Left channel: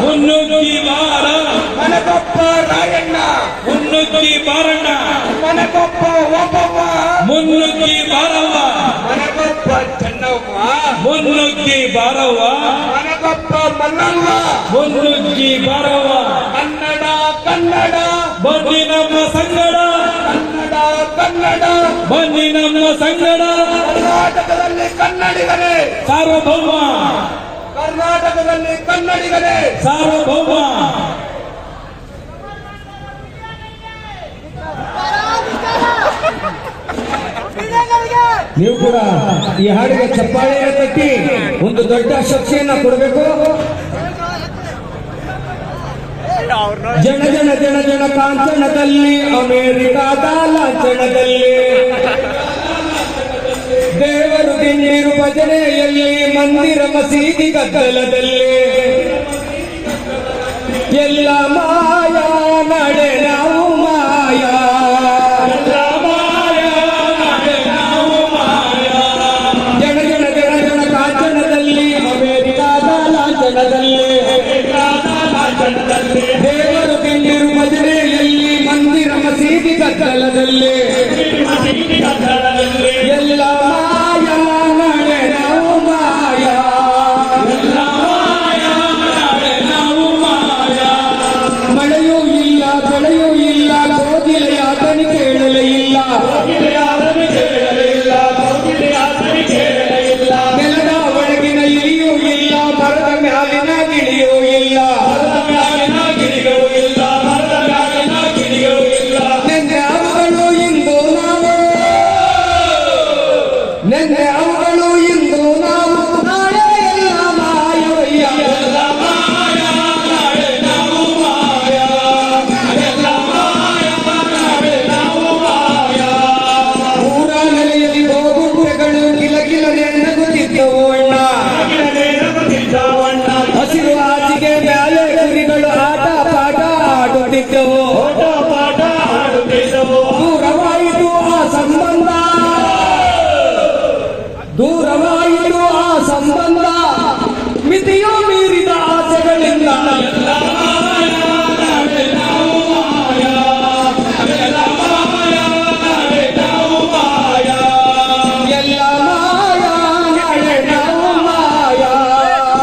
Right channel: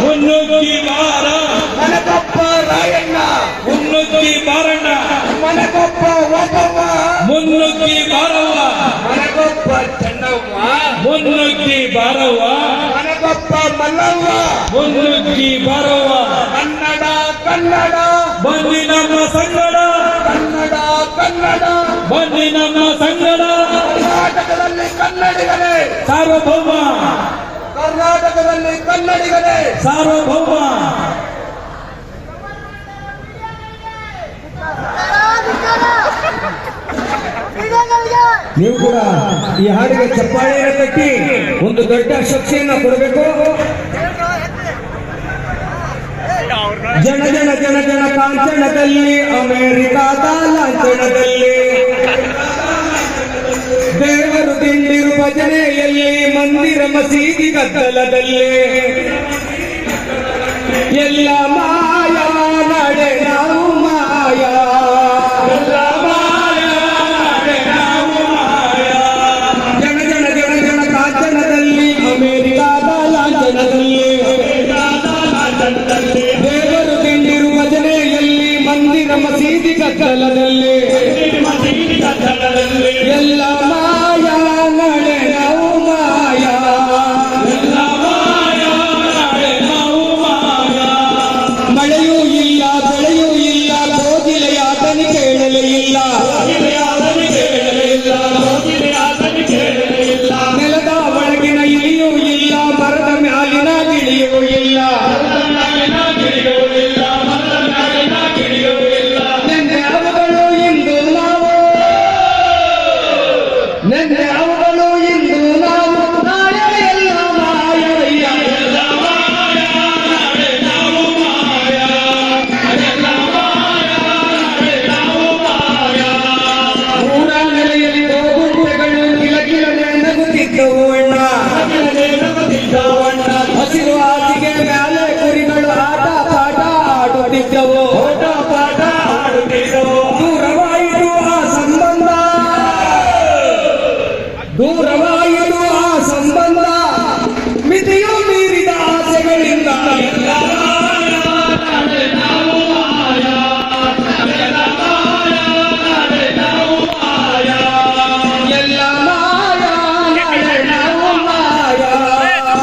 ಮುನ್ನುಗ್ಗಿ ಬಾರ ಮನಗೊಬ್ಬ ರಾಯಣ್ಣ ಮುನ್ನುಗ್ಗಿ ಬಾರಣ್ಣ ಮನಗೊಬ್ಬ ಓಬವ್ವ ಮುನ್ನುಗ್ಗಿ ಬಾರವ್ವ ಮನಗೊಬ್ಬ ಚೆನ್ನವ್ವ ಮುನ್ನುಗ್ಗಿ ಬಾರವ್ವ ಮನಗೊಬ್ಬ ಮಲ್ಲವ್ವ ಮುನ್ನುಗ್ಗಿ ಬಾರವ್ವ ಕನ್ನಡ ಕನ್ನಡ ಬನ್ನಿ ನಮ್ಮ ಸಂಗಡ ಕನ್ನಡ ಕನ್ನಡ ಬನ್ನಿ ನಮ್ಮ ಸಂಗಡ ಕರ್ನಾಟಕದಲ್ಲಿ ಕನ್ನಡಿಗರೇ ಸಾರ್ವಭೌಮ ಕರ್ನಾಟಕದಲ್ಲಿ ಕನ್ನಡಿಗರೇ ಸಾರ್ವಭೌಮ ನೀವು ಕೂಡ ಈ ಹಾಡಿಗೆ ಚಪ್ಪಾಳೆಯನ್ನು ಕಟ್ಟಿ ಒಂದು ದೊಡ್ಡ ಶಕ್ತಿಯನ್ನ ಕೊಡಬೇಕು. ಜನ ಜನ ಜನ ಜನ ಕಾಂಚನದಲ್ಲಿ ಅಮೆರಿಕಾದ ಲಾಂಛನದಲ್ಲಿ ದೇವರು ತಿಂಡಿರು ಭಜನೆಯಲ್ಲಿ ಮಂದಿರ ಮಸೀದಿ ಗದ್ದಲದಲ್ಲಿ ಎಲ್ಲ ಮಾಯಾ ನಡೆ ನಾವು ಮಾಯಾ ಜನ ಜನ ಜನ ಜನ ಕಾಂಚನದಲ್ಲಿ ಅಮೆರಿಕಾದ ಲಾಂಛನದಲ್ಲಿ